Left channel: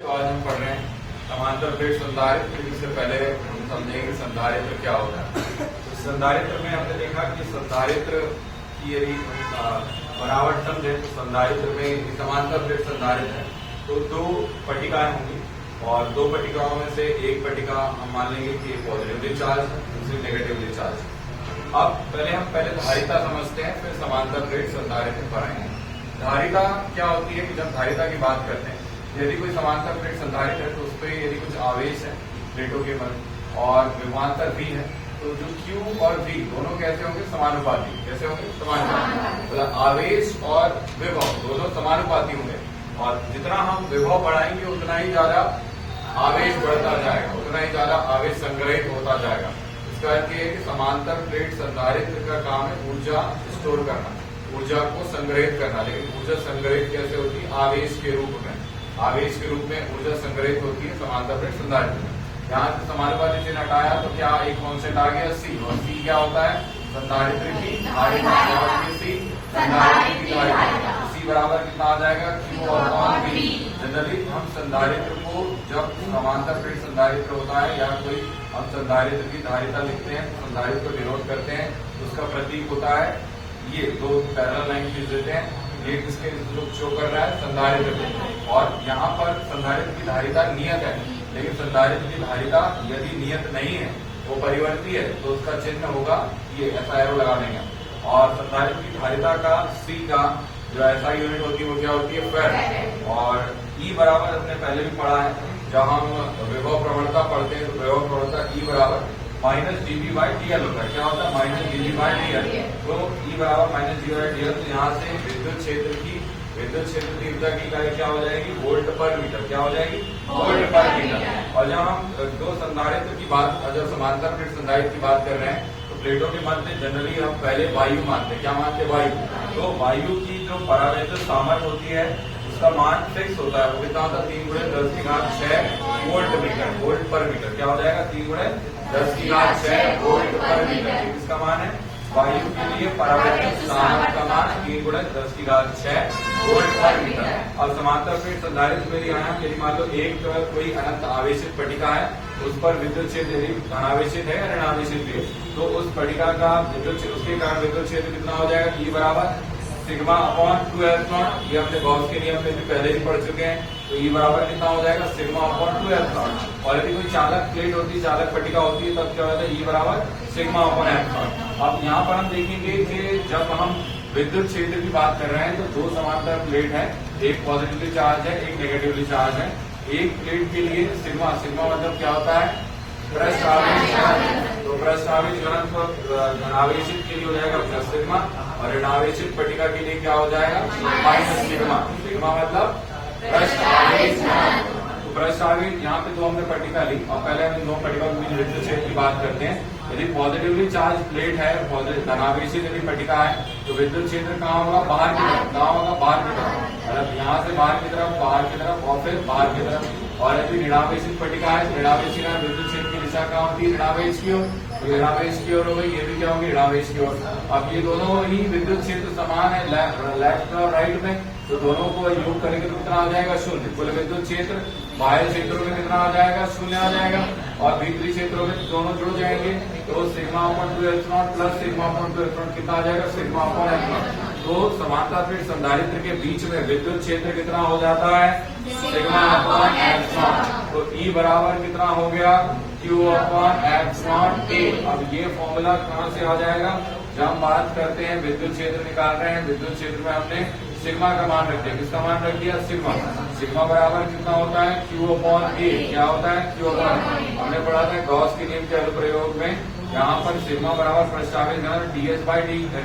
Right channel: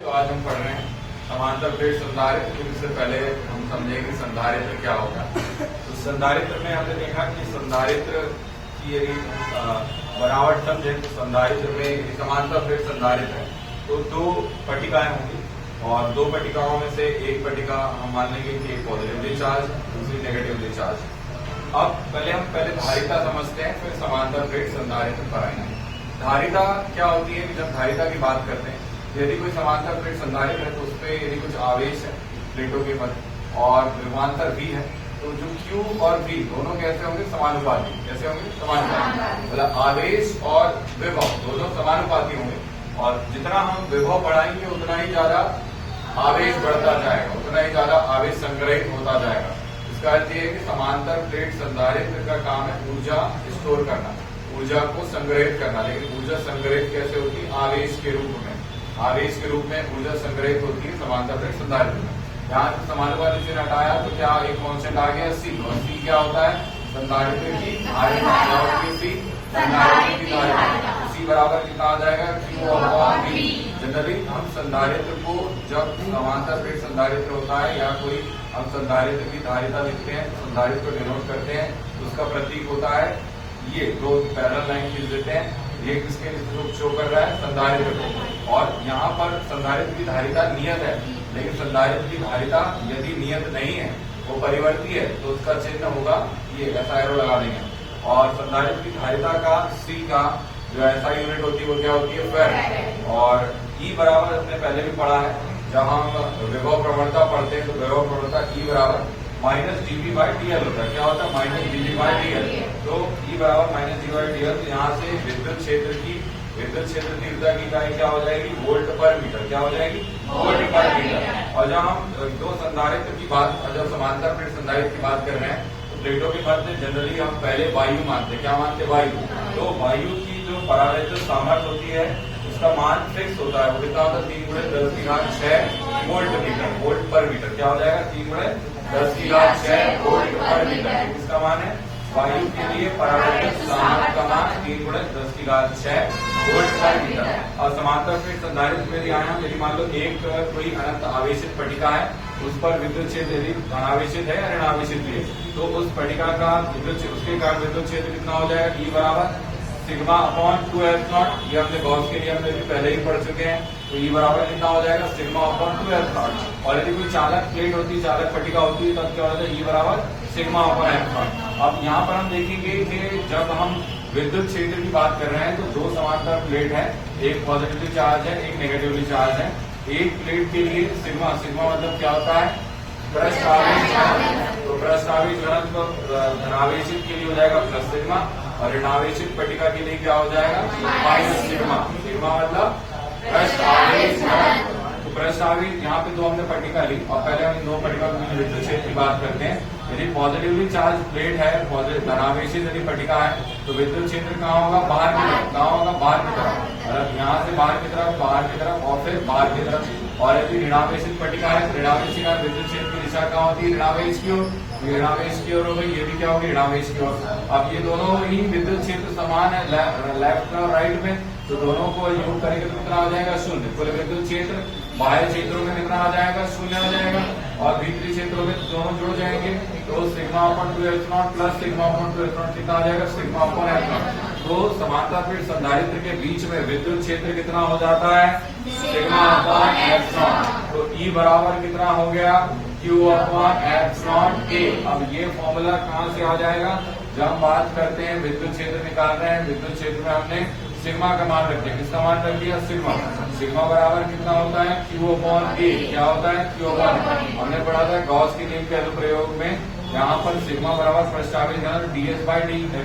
तो आज हम पढ़ रहे हैं समांतर प्लेट संधारित्र। क्योंकि इससे पहले हम समझेंगे संधारित्र क्या होता है। तो संधारित्र में हमने देखा कि संधारित्र की यदि बनावट समझे तो संधारित्र में समांतर प्लेट संधारित्र है तो दो पट्टिकाएं होंगी और दो पट्टिकाओं में से एक पट्टिका हम मान लेंगे कि पॉजिटिवली चार्ज, दूसरी नेगेटिवली चार्ज। अब पहले धारिता समझते हैं, फिर समांतर प्लेट संधारित्र पढ़ाएंगे। धारिता क्या होती है? जब धारिता की बात करते हैं, यदि कोई समांतर प्लेट संधारित्र है तो उस पर यदि कुछ आवेश है प्लेटों के मध्य और विभवांतर V है तो जो Q और V दोनों कैसे होंगे? समानुपाती। कैसे होंगे? समानुपाती। मतलब आवेश और विभव दोनों समानुपाती होंगे और जितना हम विभव बढ़ाएंगे उतना ही ज्यादा आवेश बढ़ता जाएगा, उतना ही ज्यादा आवेश संग्रहित होता जाएगा। इसका अर्थ ये है कि समांतर प्लेट संधारित्र का काम है ऊर्जा स्टोर करना, ऊर्जा को संग्रहित करना। लेकिन ऊर्जा संग्रहित कैसे होती है? आवेश के रूप में। आवेश के रूप में ऊर्जा संग्रहित होती है समांतर प्लेट संधारित्र में। यहाँ से समानुपाती चिन्ह हटाया तो क्या एक कांस्टेंट आ गया C, और C क्या होता है? संधारित्र की धारिता। C संधारित्र की धारिता। C बराबर कितना आ जाएगा? Q/V। जनरली हम संधारित्र को जब समांतर प्लेट संधारित्र होता है या कोई हम संधारित्र की धारिता लिखते हैं, संधारित्र को डिनोट करते हैं तो उसका प्रतीक होता है ये दो पैरेलल लाइन खींच देते हैं। ये किसके शो कर रहा है? संधारित्र को। और यहाँ पर संधारित्र की धारिता नियत है, लेकिन संधारित्र की धारिता यदि नियत नहीं है, वो परिवर्ती है, तो उसका चिन्ह होगा ये, ऐसा एरो लगा देंगे। और संधारित्र की धारिता का C का जो ऐसा यूनिट होती है वो क्या होती है? फेड। और E बराबर अपने पहले भी पढ़ा है, जब हम विभव प्रवणता पढ़ते हैं तो विभव प्रवणता E बराबर -dV/dl होता है। क्या होता है? -dV/dl। तो E बराबर -dV/dl। तो यहाँ से विद्युत क्षेत्र की ऊर्जा की इकाई क्या हो जाएगी? वोल्ट पर मीटर। क्या हो जाएगी? वोल्ट पर मीटर। और जब हम दो संधारित्र की बात, जब समांतर प्लेट संधारित्र की बात कर रहे हैं तो प्लेटों के मध्य जनरली हम पहले वायु मानते हैं। क्या मानते हैं? वायु। तो वायु की जो परावैद्युत सामर्थ्य होती है उसका मान फिक्स होता है। वो कितना होता है? 3×10⁶ वोल्ट मीटर, वोल्ट पर मीटर। क्या हो जाएगा? 3×10⁶ वोल्ट पर मीटर। इसका मान है वायु के लिए परावैद्युत सामर्थ्य का मान 3×10⁶ वोल्ट पर मीटर। और समांतर प्लेट संधारित्र में आया, यदि मान लो एक कोई अनंत आवेशित पट्टिका है, उस पर विद्युत क्षेत्र यदि धनावेशित है या ऋणावेशित है तो उस पट्टिका का विद्युत क्षेत्र, उसके कारण विद्युत क्षेत्र कितना हो जाएगा? E बराबर σ/2S0। ये अपने गॉस के नियम में भी पहले ही पढ़ चुके हैं। तो E बराबर कितना हो जाएगा? σ/2S0। और यदि कोई चालक प्लेट होती है, चालक पट्टिका होती है, तब क्या होता है? E बराबर σ/M0। अब यहाँ पर हम देखेंगे कि जब हम विद्युत क्षेत्र की बात कर रहे हैं तो दो समांतर प्लेट है, एक पॉजिटिवली चार्ज है, एक नेगेटिवली चार्ज है। एक प्लेट के लिए सिग्मा मतलब क्या होता है? पृष्ठ आवेश घनत्व। तो पृष्ठ आवेश घनत्व धनावेशित के लिए हो जाएगा प्लस सिग्मा और ऋणावेशित पट्टिका के लिए क्या हो जाएगा? Minus sigma. सिग्मा मतलब पृष्ठ आवेश घनत्व। तो पृष्ठ आवेश यहाँ पे दो हमने पट्टिका ली और पहले हम दो पट्टिका विद्युत क्षेत्र की बात करते हैं। यदि पॉजिटिवली चार्ज प्लेट है, धनावेशित यदि पट्टिका है तो विद्युत क्षेत्र कहाँ होगा? बाहर की तरफ। कहाँ होगा? बाहर की तरफ। मतलब यहाँ से बाहर की तरफ और फिर बाहर की तरफ। और यदि ऋणावेशित पट्टिका है तो ऋणावेशित का विद्युत क्षेत्र की दिशा कहाँ होती है? ऋणावेश की ओर। ऋणावेश की ओर हो गई, ये भी क्या होगी? ऋणावेश की ओर। अब ये दोनों ही विद्युत क्षेत्र समान है लेफ्ट और राइट में, तो दोनों को योग करेंगे तो कितना हो जाएगा? 0। कुल विद्युत क्षेत्र बाहरी क्षेत्रों में कितना आ जाएगा? 0 आ जाएगा। और भीतरी क्षेत्रों में दोनों जुड़ जाएंगे तो σ/2S0 प्लस σ/2S0 कितना आ जाएगा? σ/M0। तो समांतर प्लेट संधारित्र के बीच में विद्युत क्षेत्र कितना हो जाता है? σ/M0। तो E बराबर कितना हो गया? Q/M0A। अब ये फॉर्मूला कहाँ से आ जाएगा? जब हम बात करते हैं विद्युत क्षेत्र निकाल रहे हैं, विद्युत क्षेत्र में हमने सिग्मा का मान रख दिया। किसका मान रख दिया? सिग्मा। सिग्मा बराबर कितना होता है? Q/A। क्या होता है? Q/A। हमने पढ़ा था गॉस के नियम के अनुप्रयोग में, यहाँ पर सिग्मा बराबर पृष्ठ आवेश घनत्व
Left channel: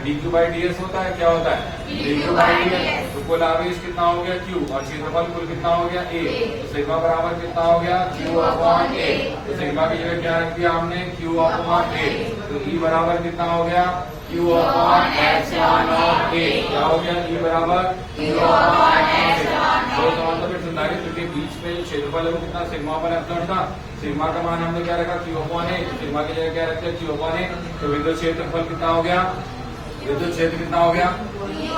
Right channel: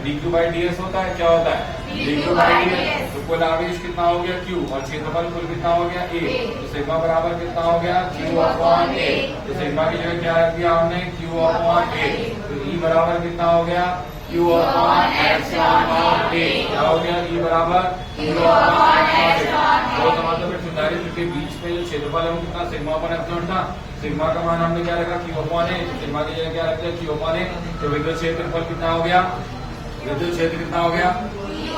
dQ/ds होता है। क्या होता है? dQ/ds। तो कुल आवेश कितना हो गया? Q। और क्षेत्रफल कुल कितना हो गया? A। तो सिग्मा बराबर कितना हो गया? Q/A। तो सिग्मा की जगह क्या रख दिया हमने? Q/A। तो E बराबर कितना हो गया? Q/ε0A। क्या हो गया? E बराबर दो समांतर प्लेट संधारित्र के बीच में जो क्षेत्रफल है वो कितना? σ/ε0 था। सिग्मा का मान हमने क्या रखा? Q/A। सिग्मा की जगह क्या रखते हैं? Q/A। तो विद्युत क्षेत्रफल कितना हो गया? विद्युत क्षेत्र कितना हो गया?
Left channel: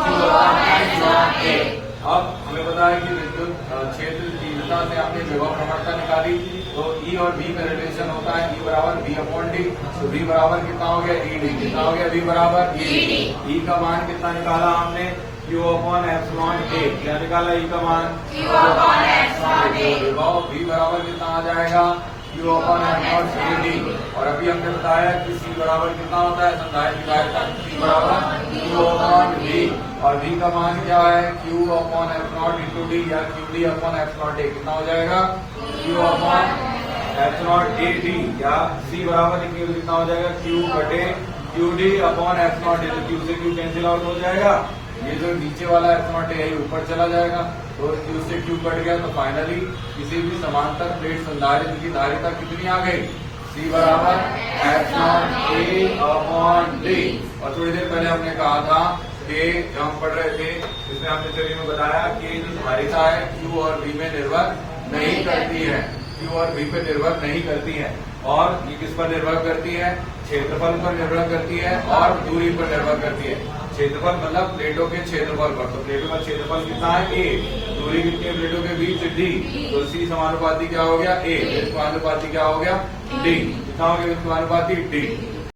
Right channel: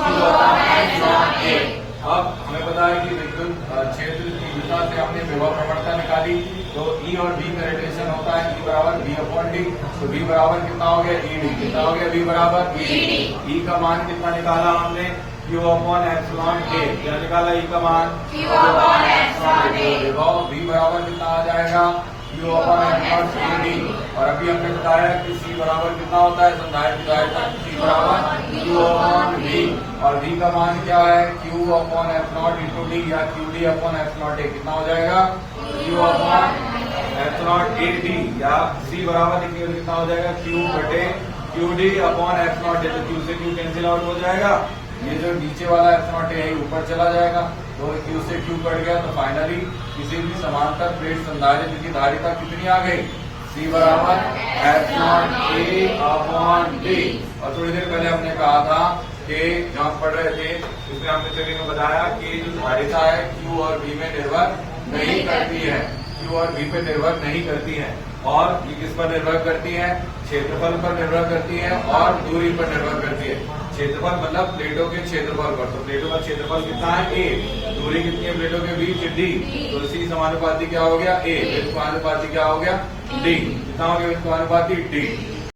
Q/A। अब हमें पता है कि विद्युत क्षेत्र प्रवणता से हमने विभव प्रवणता निकाली, तो ई और डी का रिलेशन होता है ई बराबर वी अपॉन डी। तो वी बराबर कितना हो गया, ई डी। कितना हो गया, वी बराबर ई का मान कितना निकाला हमने, क्यू अपॉन एप्सिलॉन ए। क्या निकाला, ई का मान क्यू अपॉन एप्सिलॉन ए। विभव वी बराबर कितना आ जाएगा, Q upon epsilon A D. और अभी हमने बताया कि सी बराबर कितना होता है, संधारित्र की धारिता सी बराबर क्यू अपॉन वी। और वी का मान क्या है, Q upon epsilon into D या क्यू डी अपॉन एप्सिलॉन ए। कितना हो जाएगा, Q upon epsilon A D या सी बराबर कितना हो जाएगा, क्यू बटे Q D upon epsilon D. तो क्यू से क्यू कैंसिल आउट हो जाएगा, ये जो नीचे वाला एप्सिलॉन ए ऊपर चला जाएगा, तो क्यू से क्यू कट गया। तो फाइनली किसी भी समांतर प्लेट संधारित्र की धारिता कितनी आ गई, सी बराबर एप्सिलॉन ए अपॉन डी। और थोड़ी देर पहले हमने कहा था कि जब हम पढ़ रहे थे इसमें हमने थ्योरी में बताया कि जो धारिता है क्यू और वी में निर्भर नहीं करती है, क्यू और वी पे निर्भर नहीं करती है। और ये किस पर निर्भर करती है, क्षेत्रफल पर निर्भर करती है और दूरी पर निर्भर करती है। क्षेत्रफल मतलब प्लेटों के क्षेत्रफल पर, तो प्लेटों का क्षेत्रफल कितना है, ए। दूरी कितनी है प्लेटों के बीच, डी। तो सी समानुपाती क्या हो गया, ए। समानुपाती क्या हो गया, डी। कितना हो गया समानुपाती, डी।